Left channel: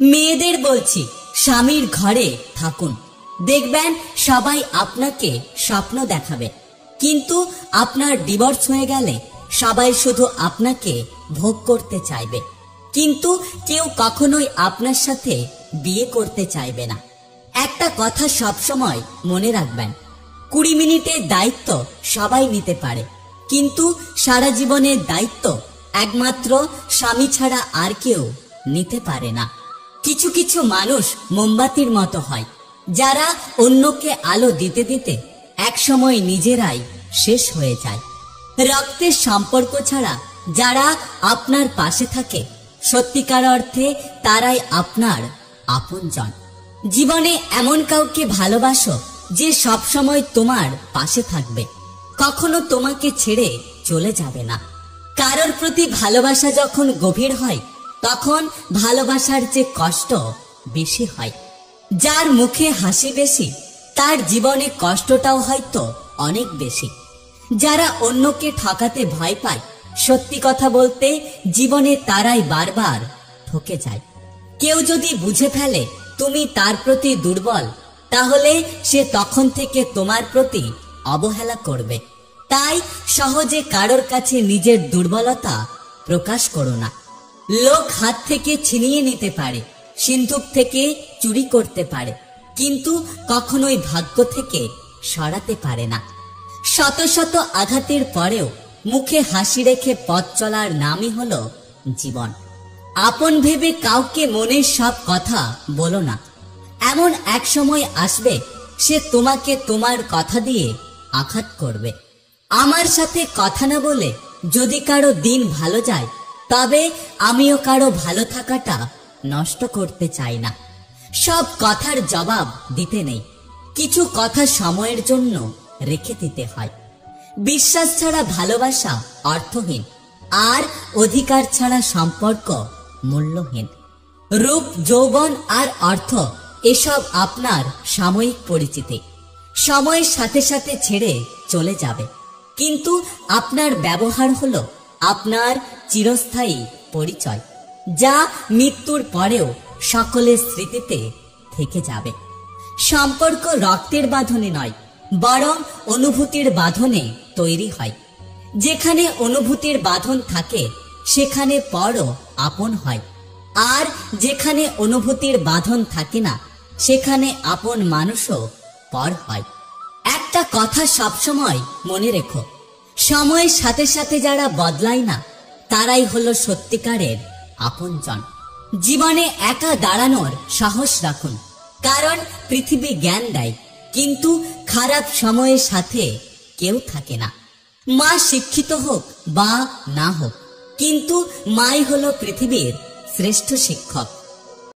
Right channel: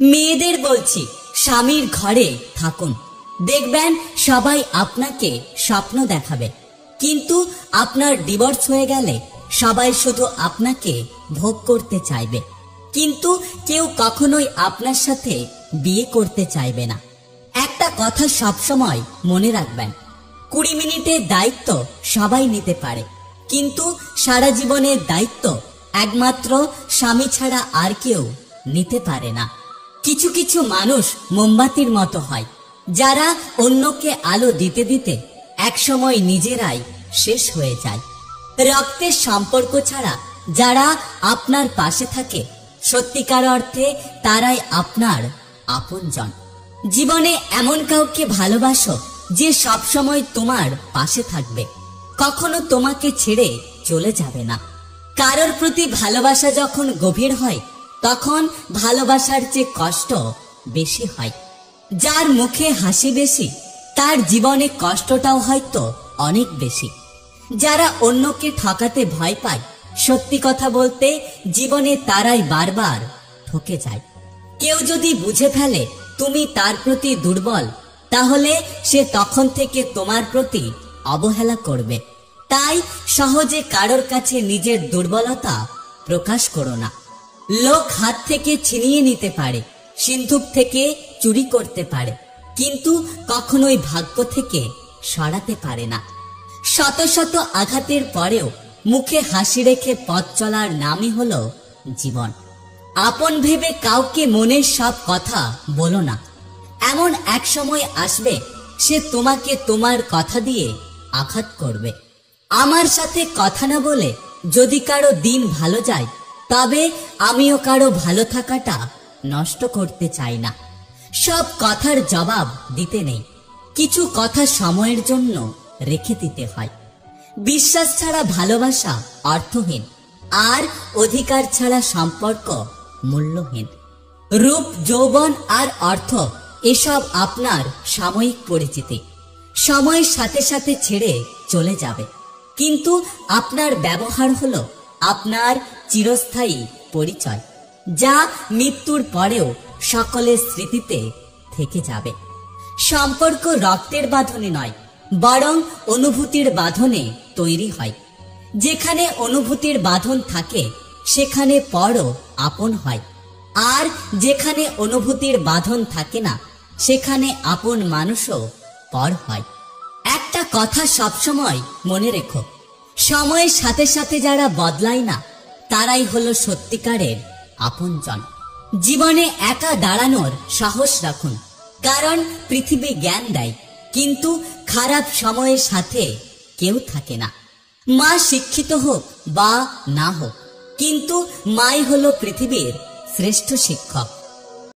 মেয়েদের বলছি, স্বামীর ঘরে থাকুন, দেখবেন সবাই আপনাকে স্বপ্ন দেখাবে, কিন্তু আপনার ডিভোর্স হয়ে গেলে সবাই শুধু আপনাকে ভোগ করতে চাইবে, কিন্তু কেউ কখনোই আপনার সাথে বিয়ে করতে চাইবে না। একটা কথা সবসময় মনে রাখবেন, 20 মিনিটের দায়িত্ব সবাই নিতে পারে, কিন্তু সারা জীবনের দায়িত্ব একমাত্র স্বামী ছাড়া আর কেউ নিতে পারে না। কিছু কিছু মানুষ মোমবাতির মতো হয়, যারা অন্যকে আলো দিতে দিতে একসময় নিজেরাই শেষ হয়ে যায়। রক্তের সম্পর্ক ছাড়া যারা আপনার পাশে থাকে, সত্যিকার অর্থে তারাই আপনার আপনজন। জীবনে এমন কাউকে ভালোবাসো যে সবসময় তোমার পাশে থাকবে, কখনো তোমাকে ছেড়ে চলে যাবে না। কারোর প্রতি ভালোবাসা যখন গভীর হয়, তখন ভালোবাসার চেয়ে কষ্ট বেশি হয়। যার মুখে হাসি বেশি, তার জীবনে কষ্টটাও হয়তো অনেক বেশি। যারা অন্যকে ঠকাতে ভয় পায়, সত্যি কথা বলতে জীবনে তারাই বারবার ঠকে যায়। কেউ যদি বুঝে ফেলে তুমি তার প্রতি দুর্বল, তাহলে সে তখন থেকে তোমার প্রতি অবহেলা করবে। তাই সহজে কারোর কাছে নিজের দুর্বলতা প্রকাশ করো না। লোক হাত থেকে ছিনিয়ে নিতে পারে, সিন্ধুক থেকে চুরি করতে পারে, কিন্তু কখনোই ভাগ্য থেকে সরাতে পারে না। শত শত আঘাতের পরেও মুখে হাসি রেখে পথ চলার নামই হলো জীবন। আপন ভেবে কাউকে মনের সব কথা বলো না, এমন এক সময় আসবে সে তোমাকে তোমার কথা দিয়ে আঘাত করবে। আমার সাথে কথা না বলে যদি কারো দিন ভালো যায়, তবে আমিও কারো ভালো থাকাটা নষ্ট করতে চাই না। সব কথার জবাব দিতে নেই, কিছু কথা সময়ের জন্য রেখে দিতে হয়। বিশ্বাস ছাড়া ভালোবাসা অর্থহীন, আর অধিকার ছাড়া সম্পর্ক মূল্যহীন। রূপ, যৌবন আর অর্থ এসব আপনার সাময়িক পরিচিতি, সময়ের সাথে সাথে ছেড়ে চলে যাবে, কিন্তু আপনার ব্যবহার হলো আপনার চিরস্থায়ী পরিচয়, যা মৃত্যুর পরেও সকলের স্মৃতিতে থেকে যাবে। সম্পর্ক রক্তের বাঁধনে নয়, বরং অনুভূতির বাঁধনে তৈরি হয়। যেখানে অনুভূতির বাঁধন থাকে, সেখানে পরও আপন হয়, আর যেখানে অনুভূতির বাঁধন থাকে না, সেখানে আপন মানুষও পর হয়। একটা কথা সবসময় মনে রেখো, সময়ের সাথে সাথে যারা বদলায় না, তারাই হলো সত্যিকারের আপনজন। জীবনে একা দাঁড়ানোর সাহস রাখুন, কারণ পৃথিবী জ্ঞান দেয়, কিন্তু খারাপ সময়ের সাথে কেউ থাকে না। মা শিক্ষিত হোক বা না হোক, কিন্তু মাই হলো পৃথিবীর শ্রেষ্ঠ শিক্ষক।